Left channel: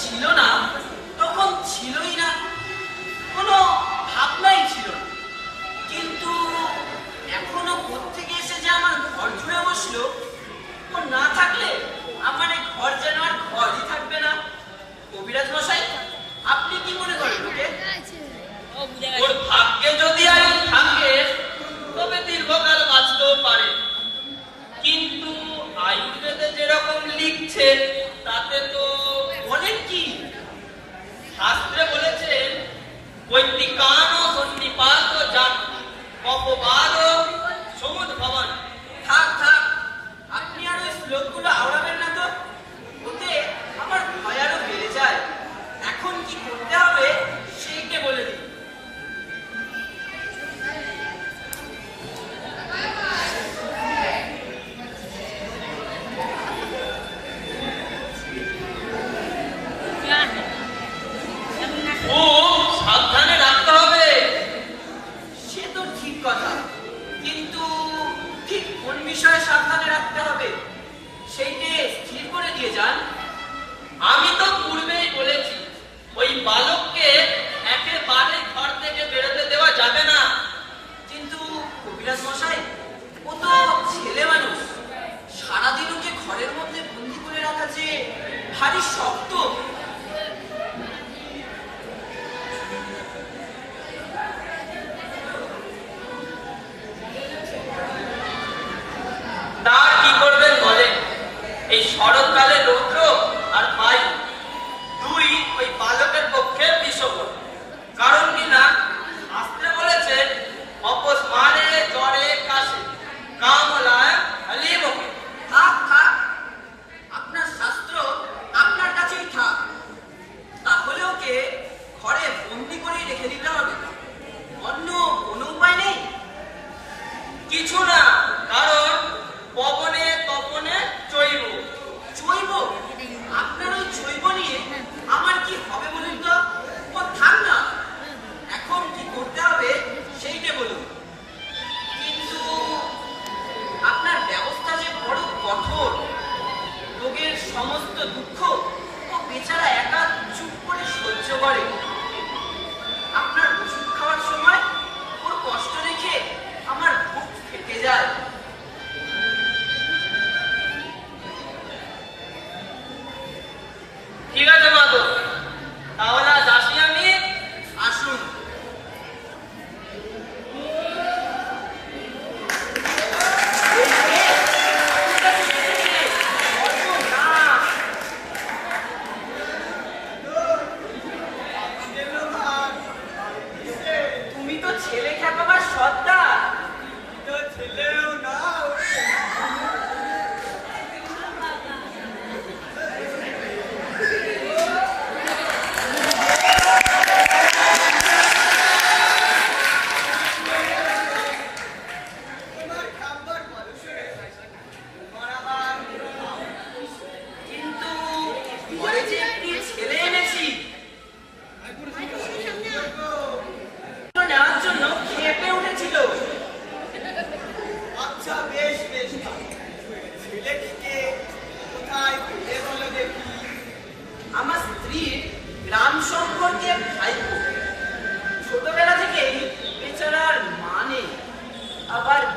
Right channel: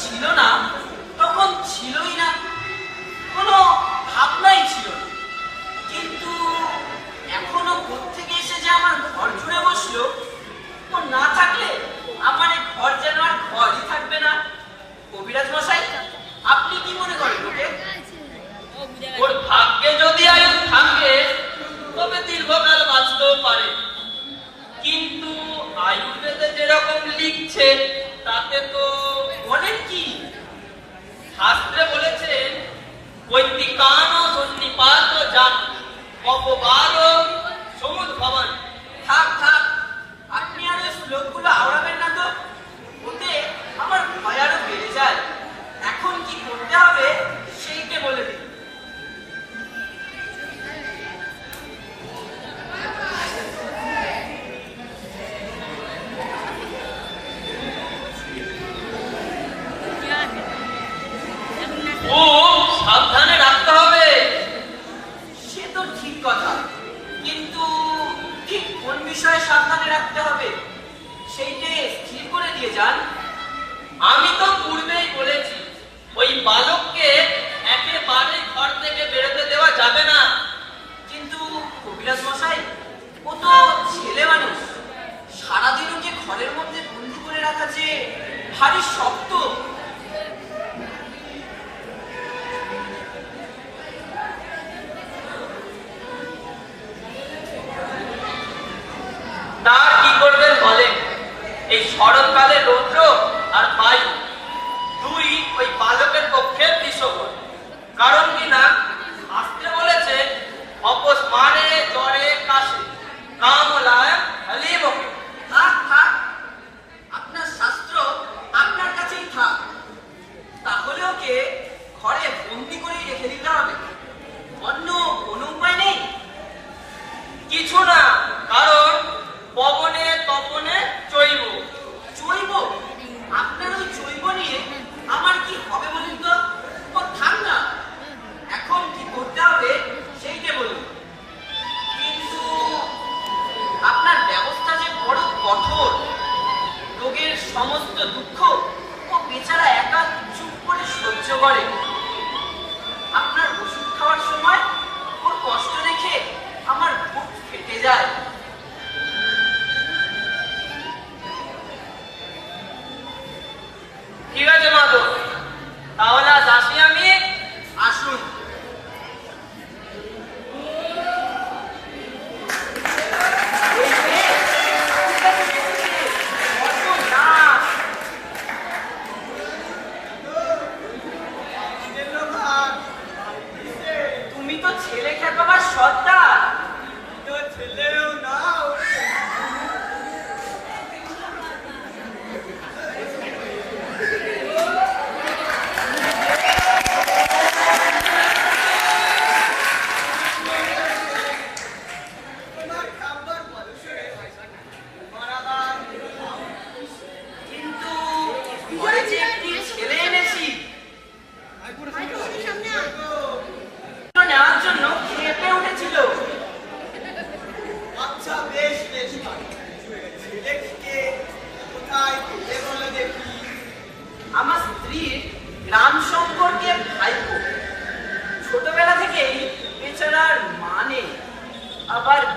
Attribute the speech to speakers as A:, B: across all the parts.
A: ছিল না তখন ছিলই না। কোনো ভাবনাই ছিল কিন্তু এখনও থেকে এসে যে আমার ঘর জুড়ে বসল, ও না থাকলে আমার এই ঘর যেন আর ঘরই থাকবে না। কবিরাজ মশাই, আপনি কি মনে করেন ওকে?
B: ওর ভাগ্যে যদি আয়ু থাকে, তবে দীর্ঘকাল বাঁচতেও পারে। কিন্তু আয়ুর্বেদে যেরকম লিখছে, তাতে তো
A: বলেন কি?
B: শাস্ত্রে বলেছেন বৈদিকান সন্নিপাত যান অপবাদ সমুদ যাবে না।
A: কিন্তু কবিরাজ মশাই, ও তো ছেলে মানুষ। সারাদিনও যে ঘরের মধ্যে বন্ধু করে রাখা যে ভারী শক্ত বন্দি করেই রেখে দিতে হবে। অন্য কোনো উপায় নেই।
B: কিছু না, কারণ পবনে তপনে
A: আপনার ওই নিয়ে আমার কি হবে বলুন তো? ও থাক না। এখন কি করতে হবে সেইটা বলুন। কিন্তু আপনার ব্যবস্থা যে বড় কঠোর, রোগের সমস্ত দুঃখ ও বেচারা একা চুপ করে সহ্য করে।
C: Yeah.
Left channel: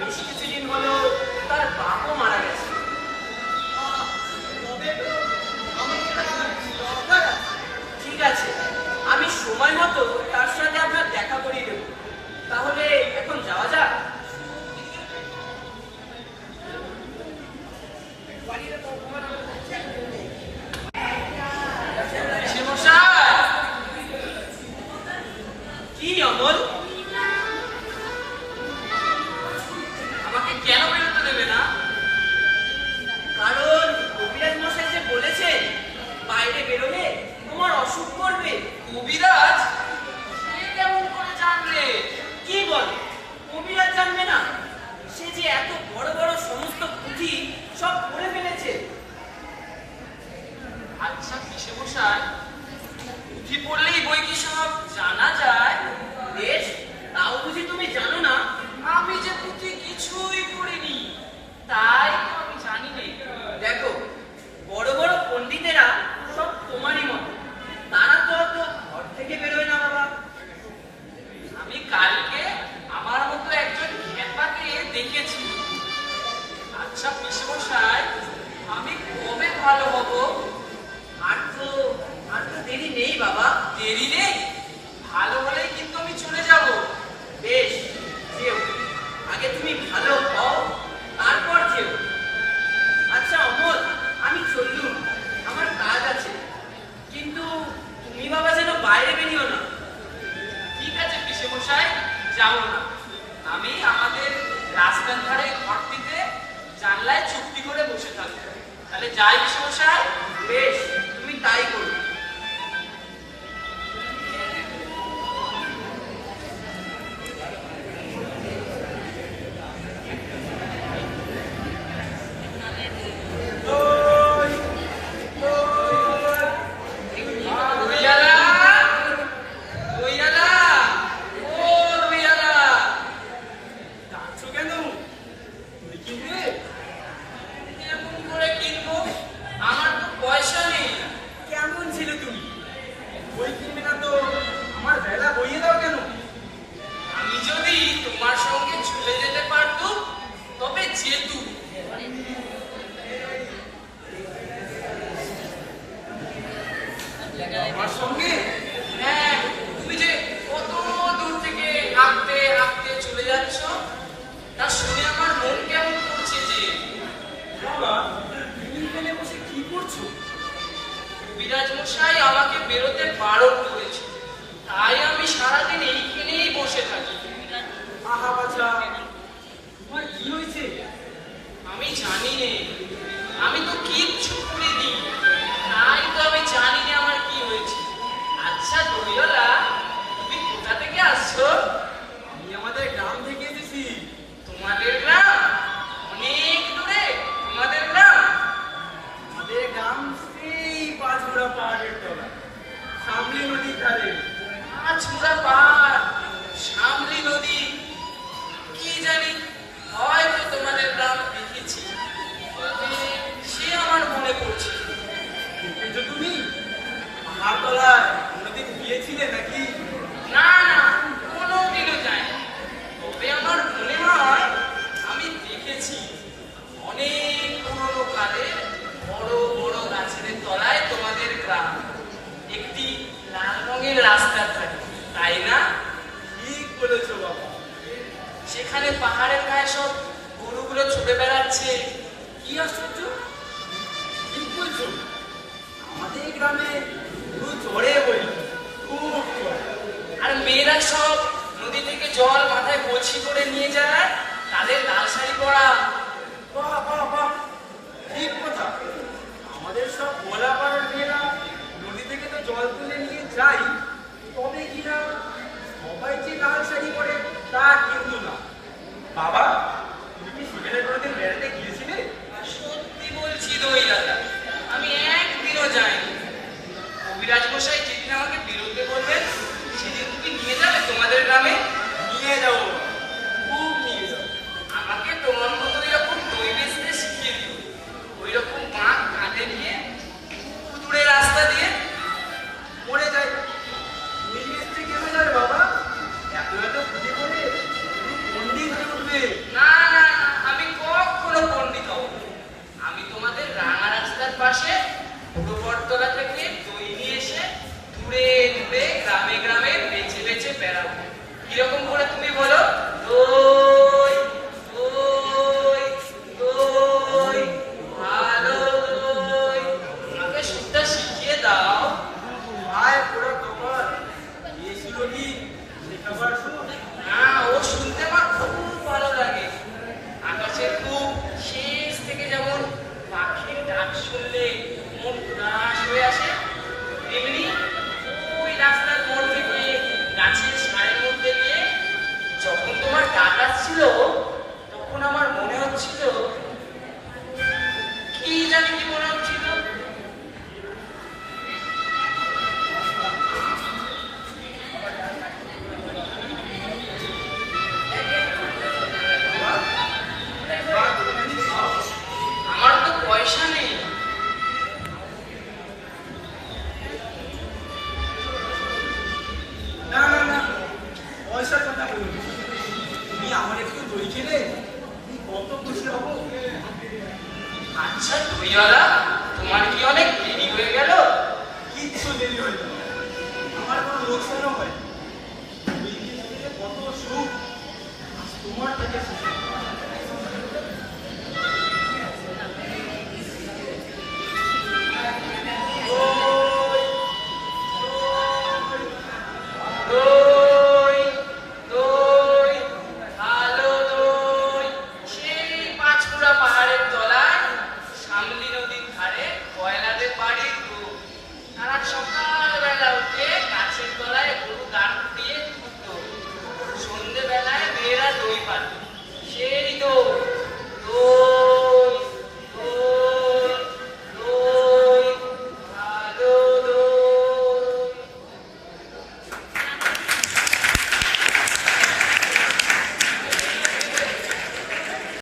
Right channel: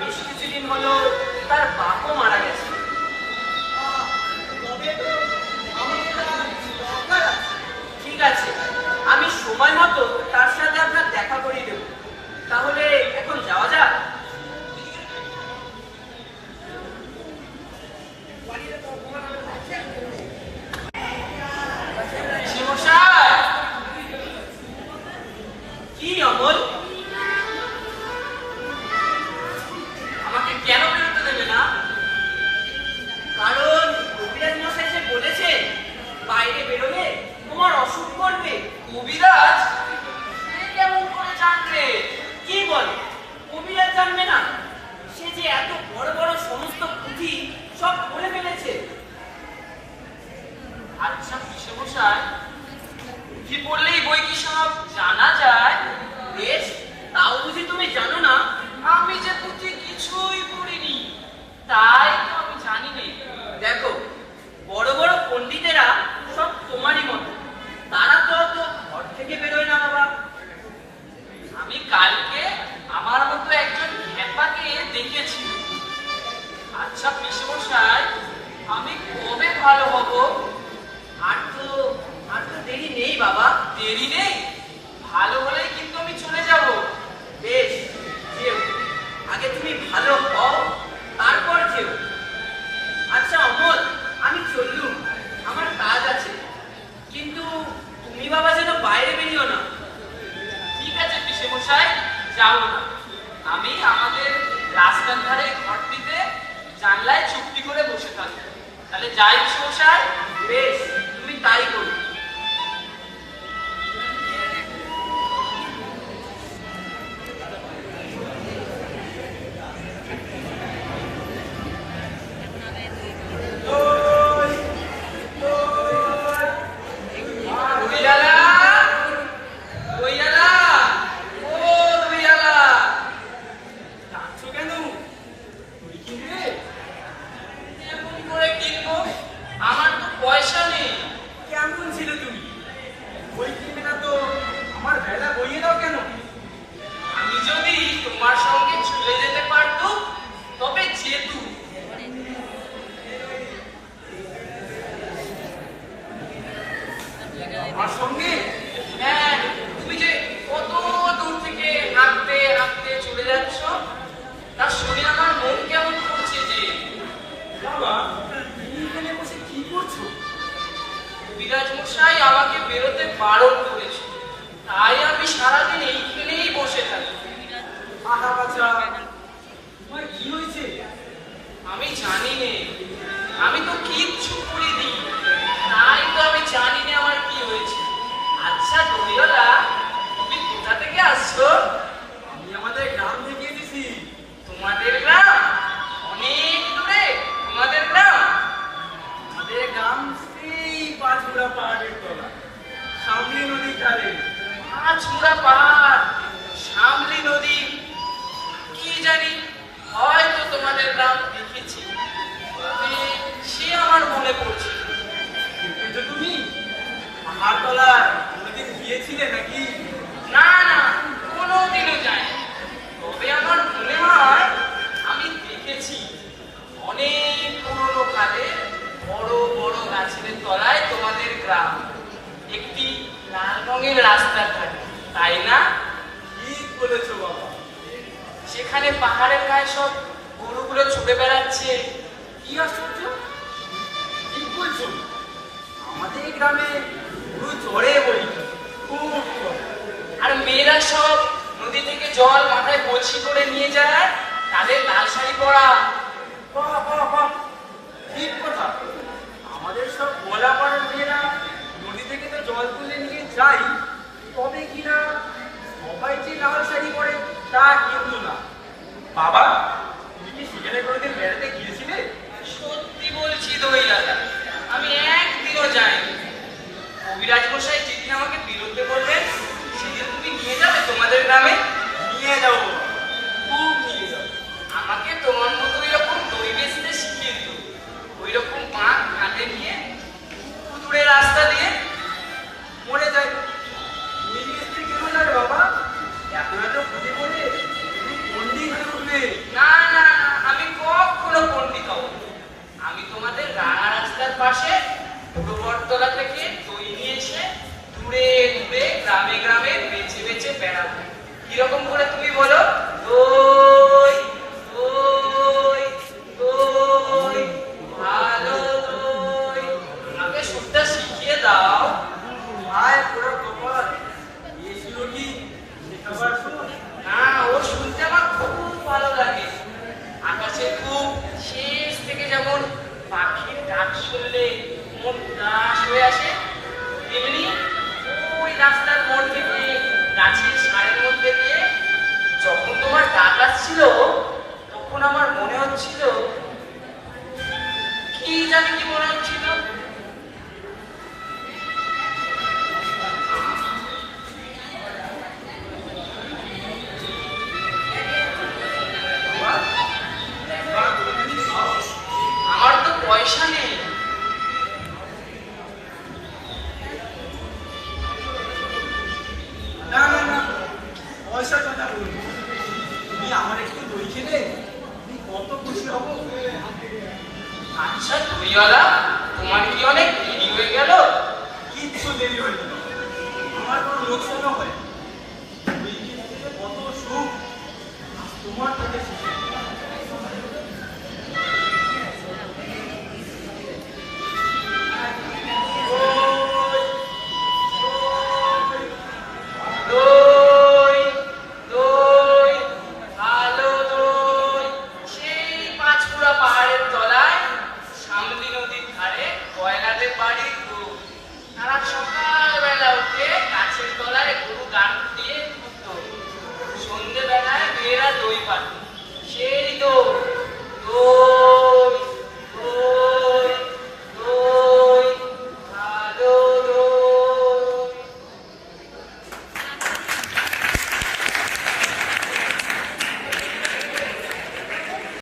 C: বেশ
A: কিছুদিন হলো তার বাপও মারা গেছে। ঠিক আছে আমি সময় মতো তাহলে
B: যাই সমস্যা
A: বেশ তুমি তাই করো
B: আমার
C: তলায় কোনোদিন গিয়েছিলে নাকি?
B: না না কোনোদিনও যায় তবে আমার মনে হয় আমি দেখেছি অনেক পুরনো কালে বড় বড় গাছের তলায় তোমাদের গ্রাম। একটি লাল রঙের রাস্তা থাকে তাই না?
C: ঠিক বলেছ বাবা।
B: সেখানে পাহাড়ের গায়ে সব গরুগুলো ছুটে বেড়াচ্ছে।
C: কি আশ্চর্য? ঠিক বলছো। আমাদের গ্রামে ঝড়ে বলি
B: আর মেয়েরা সব নদী থেকে জল মাথায় বলছি করে নিয়ে যায়, তাদের লাল শাড়ি পরা।
C: ঠিক কথা। আমাদের সব গোলা পাড়ার নদী থেকে তো জল তুলে নিয়ে যাই তবে কিনা সবাই যে লাল শাড়ি তা কিন্তু না। বাবা
B: নিয়ে যাব
C: খুব নিয়ে যাব
B: আমাকে তোমার মতো এরকম দই বেচতে শিখিয়ে দিও। ওই রকম কাঁধে নিয়ে দূরে রাস্তা দিয়ে
C: মরে যায়। হয়ে উঠবে।
B: না না, আমি কখনো পণ্ডিত আমি তোমাদের রাস্তার পাশে এসে দূরে গ্রামে গ্রামে বেড়াবো। কীরকম করে তুমি বলো? দই জানি কি মনে হচ্ছিল? আমার তো পয়সা নেই।
C: না না না, পয়সার কথা বলুন। তুমি আমার একটু খেলে, আমি কত খুশি হব।
B: আচ্ছা দইওয়ালা তোমার কি অনেক